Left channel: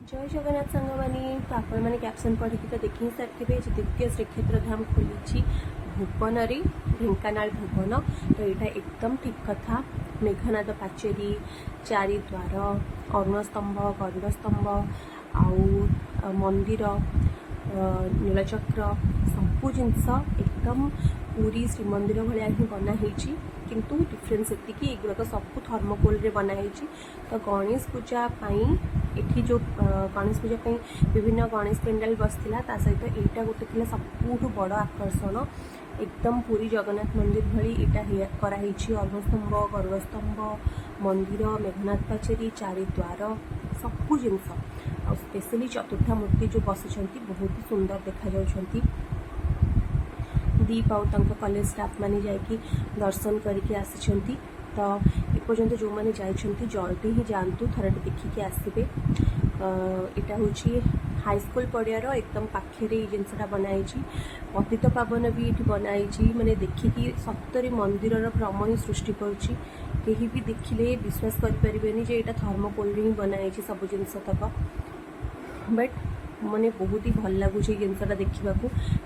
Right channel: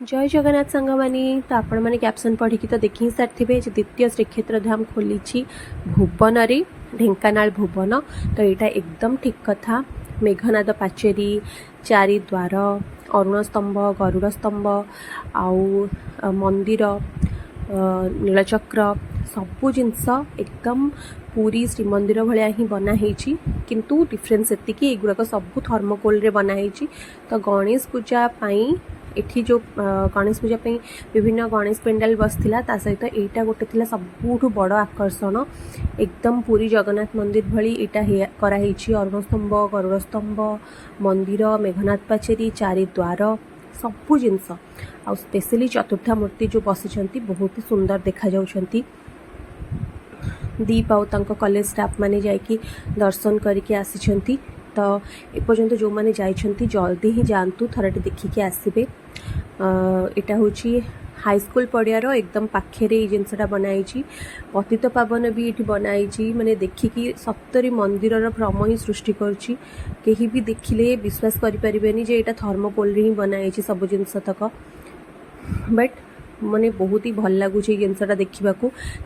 जय जगन्नाथ सांग मानी तो आपण मैंने कैप्शन पढ़ी तो देखी सारी द्वितीय श्रीक्षेत्र धाम खोली भुवन ढेंकानाल भुवन। तो यहाँ एकदम ठीक कथा। मेघनाद पाचेरी, चारिद्वार, अरुण स्तंभ, गरुड़ स्तंभ, आउ मंदिर, नीलचक्र सबू जिनस एकदम पूरी श्रीमंदिर भाया ही बनाई। किंतु डिफरेन्स एतिकी एगुड़ाक सब थर्मोकोल रे बनाई। तो गणेश पूजा एठी जो गणेश पूजा विभिन्न गणेश पेंडाल बसला सहित यहाँ गोटे थी सबुठ बड़ आकर्षण। एकदम पूरी जगन्नाथ मंदिर भली यहाँ कराई। अरुण स्तंभ, गरुड़ स्तंभ, मंदिर, मेघनाथ पाचेरी, चारिद्वार सबू जिनस आ स्पेशली चतुर्था मूर्ति जो बसी बहुत ही सुंदर देखा जाउछंती। दीप आउ कॉलेज स्टाफ माने जाइकी दर्शन करके आसी। तो एपर्यंत जो मैंने जाइछंती जल्दी ही जातु थरटे देखिके आसबे। यहाँ हूँ हाईस्कूल पड़ियार एकदम पाखे जिनसा बनाई। पतित पावन भी ये बनाई। मैंने देखिकी सप्तरी मंदिर भ्रम ही सृष्टि करुँची। कहीं भी देखिले विश्वास करें जे यहाँ थर्मोकोल ही बनाई सब जिनस तक। बट मैंने बहुत ही भल लगुच जिनसा देखा।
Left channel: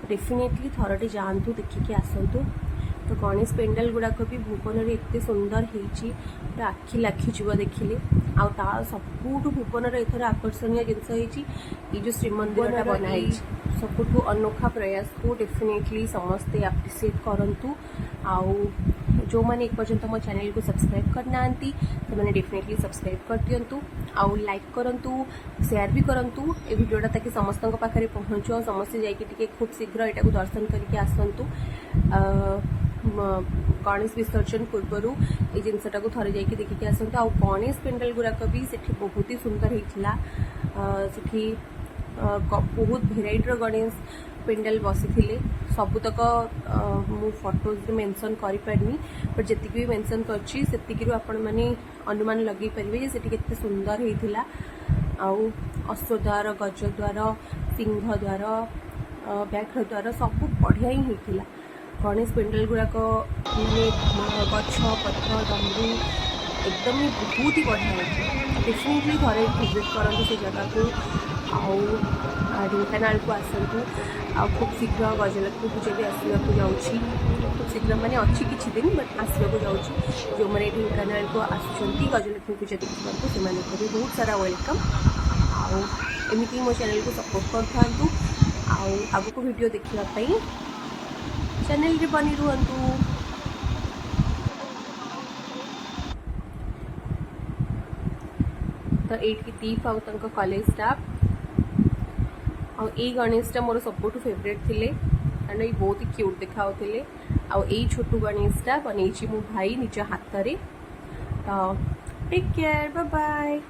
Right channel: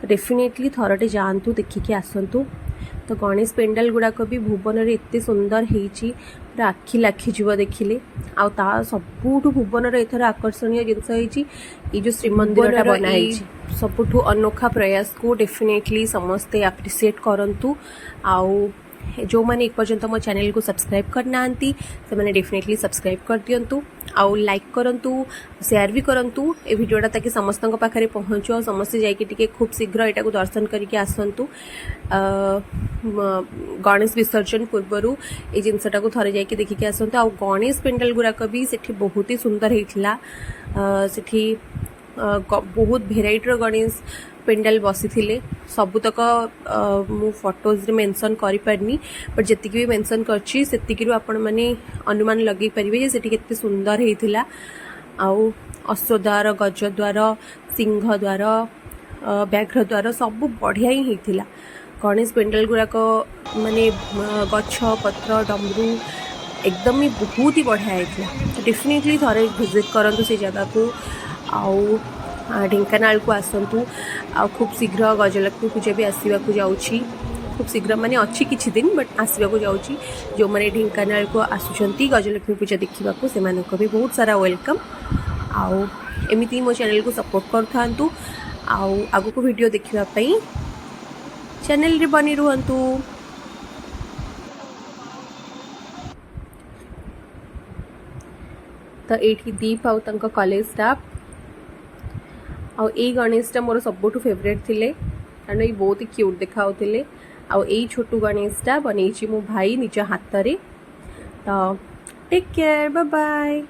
डेफिनेटली थरटे जातु देखिके आसतु। तो गणेश पेंडाल गुड़ाक भी भुवन में एत सुंदर होती पूरा आखि लाखिज देखिले। आ सबुठ भुवन एथर आकर्षणीय जिनस ये जो श्रीमंदिर बनाई सबुठ अनोखा प्रयास को डेफिनेटली समस्ते एप्रिशिएट करंतु। आउ जो मैंने एक पर्यंत मो चैनल को सब्सक्राइब करना से मैंने डेफिनेटली सब्सक्राइब कर दिंतु। आउ लाइक करंतु, शेयर भी करंतु ए वीडियोटा ताकि समस्त पाखे पहुँचो। समस्ते जाइए खूब शीघ्र यहाँ दर्शन करके आसतु। गणेश विसर्जन पूर्वर ये जिनसटा को थरे जाइए देखिके आसतु। आ गणेश पेंडाल गुड़ाक भी सेठी बहुत ही सुंदर होता। सेठी बहुत भेराइटर गणेश पेंडाल बसी सबुतक मु फोटोज मेंशन करि पारनी। बट जी भी मेंशन करछि सेतिकी आपण माने अनुमान लगे पारे जे सेठी केते सुंदर होता। आउ अश्वद्वार, गजद्वार, सिंहद्वार, व्याघ्रद्वार सब बढ़िया ही होता। गणेश पेंडाल गुड़ाक माने गछ पत्र डमरू एकदम ही बहुत ही बढ़िया है। डेफिनेटली थोड़े विजिट करूँ से जगह को। आउ ढेंकानाल को आसतु। आ खूब शीघ्र गजलक्ष्मी पूजा भी आसवाक जाऊँगी। खूब शीघ्र माने अच्छी किछि दिन बट आसवाक जाऊँगी। जो मैंने ढेंकानाल को आसुचंती गजलक्ष्मी पूजा देखा से भी बहुत सारा वेलकम। आउ एमती मो चैनल को सपोर्ट करूँ। आउ आगको वीडियो देखापी चैनल रे बनी रुहंतु। तो ये दीप आउ कॉलेज स्टाफ आ गणेशटा मोर सबुठ फेवरेट थिले कारण ये बहुत ही क्यूट देखा छोटू गणेशटा बन मो भाई निज हाथ में। तो टेक केयर, बाय बाय।